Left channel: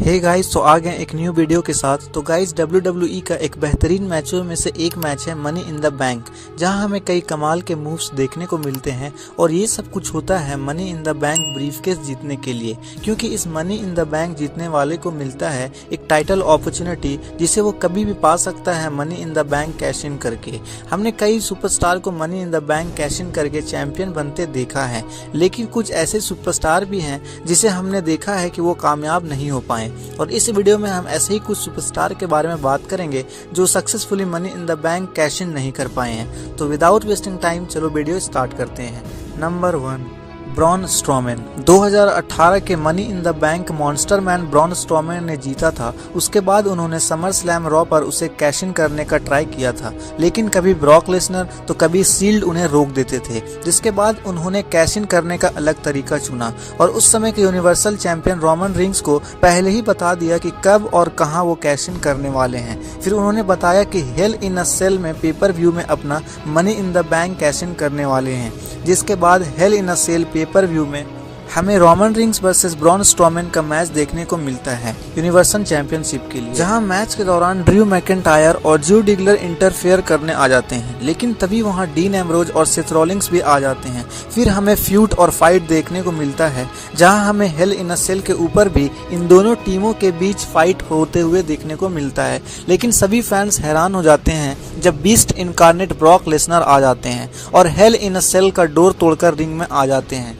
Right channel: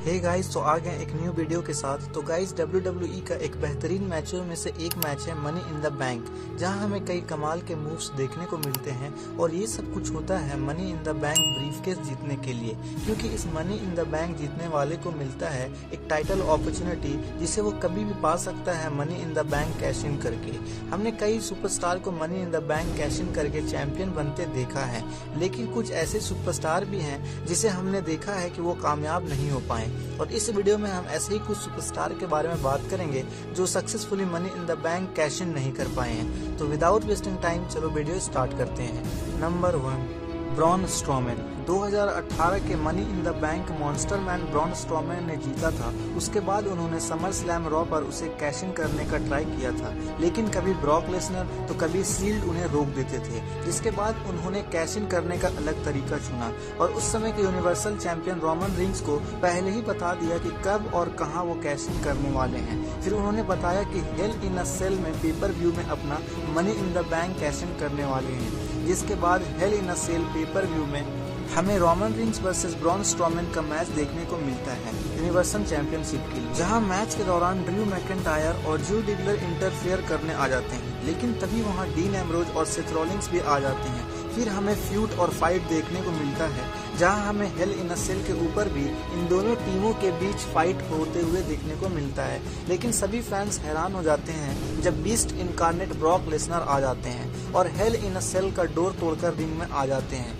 Hey guys, तो आ गए एक न्यू वीडियो के साथ। तो गाइस, WWE का एक बेहतरीन मैचों में से एक मैच है मनी इन द बैंक, जहां हमें कई कमाल के मूव्स देखने को मिलते हैं। और ये सब कुछ होता है money in the bank briefcase जीतने के लिए, क्योंकि इस मनी इन द बैंक जीतने वाले को मिलता है एक टाइटल अपॉर्चुनिटी, जिसे वो कभी भी पा सकता है money in the bank cash in करके। हमने कई सुपरस्टार को money in the bank cash in करके चैंपियन बनते देखा है, लेकिन कुछ ऐसे सुपरस्टार भी हैं जिसे हमने देखा है कि वो कामयाब नहीं हो पाए। और इस वीडियो में हम ऐसे ही कुछ सुपरस्टार के बारे में बात करेंगे जो successfully money in the bank cash in नहीं कर पाए हैं। तो विदाउट वेस्टिंग टाइम चलो वीडियो स्टार्ट करते हैं। Number 1, Braun Strowman. 2018 के money in the bank monster man Braun Strowman ने जीता था। उसके बाद उन्होंने समर स्लैम रॉ पर उसे कैश इन करने का ट्राई किया था, लेकिन कभी ब्रॉक लेसनर तो कभी सील्ड उन्हें रोक देते थे, जिसके बाद उन्होंने कैश इन करने का अलग तरीका चुना और उस समय के यूनिवर्सल चैंपियन रोमन रिंग्स को पहले ही बता दिया कि कब और कहां वो कैश इन करने वाले हैं। फिर उन्होंने बताया कि हेल इन अ सेल में पेपर व्यू में अपना money in the bank cash in करने वाले हैं, जिसके बाद हेल इन अ सेल पेपर व्यू में हमें Roman rings versus Braun Strowman का मैच देखने को मिलता है यूनिवर्सल चैंपियनशिप के लिए, जहां मैच के दौरान ड्रू मैकेंटायर और ड्रू डिगलर इंटरफेयर करने आ जाते हैं, लेकिन तभी वहां डीन एम्ब्रोज और सेथ रॉलिंग्स भी आ जाते हैं। फिर हमें फ्यूट और फाइट देखने को मिलता है, जहां हमें हेल इन अ सेल के ऊपर भी इन दोनों टीमों के बीच फाइट होते हुए देखने को मिलता है। लेकिन सभी फैंस हैरान हो जाते हैं जब बीस्ट इनकार्नेट ब्रॉक लेसनर आ जाते हैं और हेल इन अ सेल का डोर तोड़कर रिंग में आ जाते हैं,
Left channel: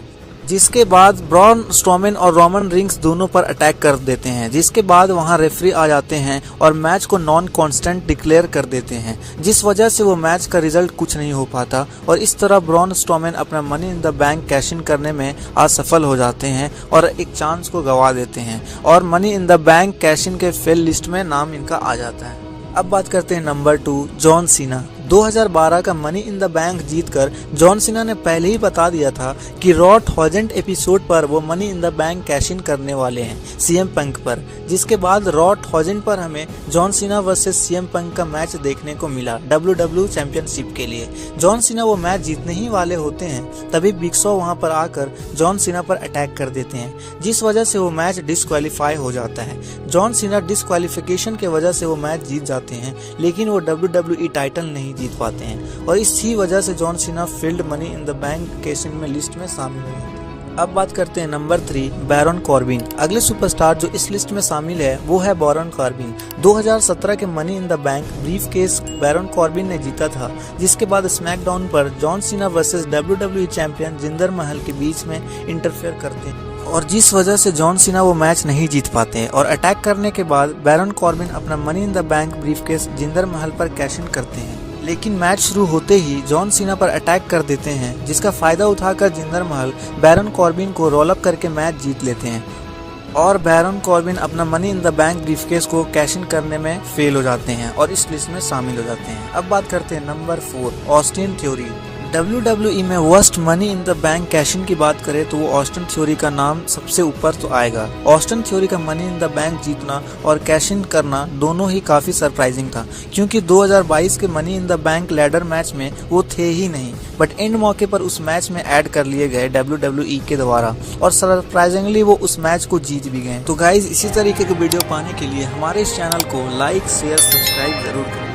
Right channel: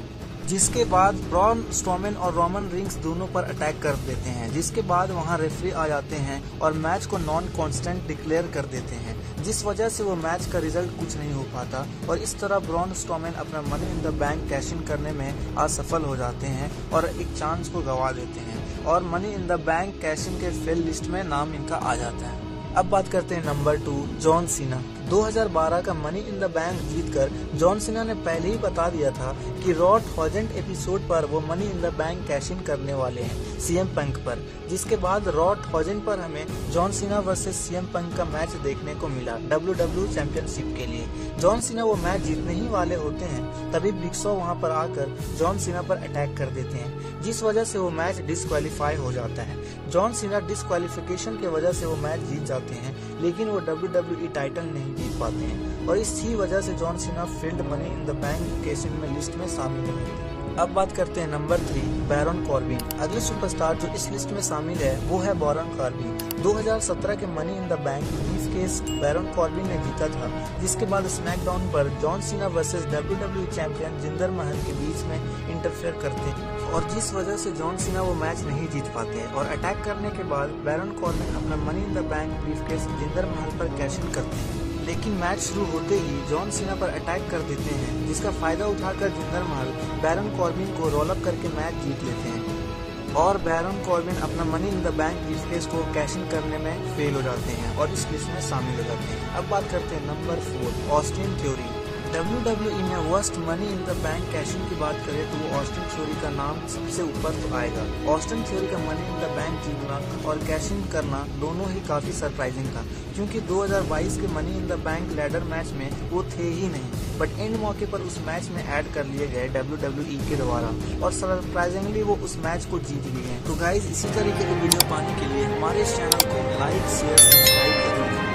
जिसके बाद ब्रॉन स्ट्रोमैन और रोमन रिंग्स दोनों पर अटैक कर देते हैं। जिसके बाद वहां रेफरी आ जाते हैं और मैच को नॉन कांस्टेंट डिक्लेयर कर देते हैं, जिस वजह से वो मैच का रिजल्ट कुछ नहीं हो पाता और इस तरह ब्रॉन स्ट्रोमैन अपना money in the bank cash in करने में असफल हो जाते हैं और एक चांस को गंवा देते हैं और money in the bank cash in के फेल लिस्ट में नाम इनका आ जाता है। अब बात करते हैं नंबर 2, जॉन सीना। 2012 का मनी इन द बैंक जीतकर जॉन सीना ने पहले ही बता दिया था कि रॉ 1000 एपिसोड पर वो money in the bank cash in करने वाले हैं सीएम पंक पर, जिसके बाद रॉ 1000 पर हमें John Cena versus CM Punk का मैच देखने को मिला WWE चैंपियनशिप के लिए। जॉन सीना वो मैच जीतने ही वाले होते हैं, तभी बिग शो वहां पर आकर जॉन सीना पर अटैक कर देते हैं, जिस वजह से वो मैच डिस्क्वालीफाई हो जाता है। जॉन सीना डिस्क्वालिफिकेशन के वजह से वो मैच जीत जाते हैं, लेकिन वो WWE टाइटल नहीं जीत पाते हैं और इसी वजह से John Cena field money in the bank cash in में लिस्ट में शामिल है। अब बात करते हैं नंबर 3, बैरन कॉर्बिन। अगले सुपरस्टार जो इस लिस्ट में शामिल है वो है बैरन कॉर्बिन। 2017 के money in the bank briefcase Baron Corbin ने जीता था, जिसके बाद स्मैकडाउन पर John Cena versus WWE champion Jinder महल के बीच में इंटरफेयर करते हैं और जिस वजह से जॉन सीना वो मैच नहीं जीत पाते हैं और अटैक करने के बाद बैरन कॉर्बिन अपना money in the bank briefcase Jinder महल पर कैश इन करते हैं। लेकिन मैच शुरू होते ही जॉन सीना पर अटैक कर देते हैं, जिसका फायदा उठाकर जिंदर महल बैरन कॉर्बिन को रोल अप करके मैच जीत लेते हैं और बैरन कॉर्बिन अपना money in the bank briefcase को कैश इन करने में फेल हो जाते हैं और इस लिस्ट में शामिल हो जाते हैं। अब बात करते हैं नंबर 4, ऑस्टिन थ्योरी। WWE में worst money in the bank cash in की बात करें तो वो ऑस्टिन थ्योरी का नाम सबसे ऊपर तो आएगा। ऑस्टिन थ्योरी का मनी इन द बैंक जीतना और कैश इन करना दोनों ही काफी सरप्राइजिंग था, क्योंकि 2022 के money in the bank ladder match में वो थे ही नहीं, बट एंड मौके पर उस मैच में ऐड कर लिए गए WWE के द्वारा और सरप्राइजिंगली वो उस मैच को जीत भी गए। तो गाइज, इसी तरीके की वीडियो पाने के लिए हमारे इस चैनल को लाइक शेयर सब्सक्राइब जरूर करें।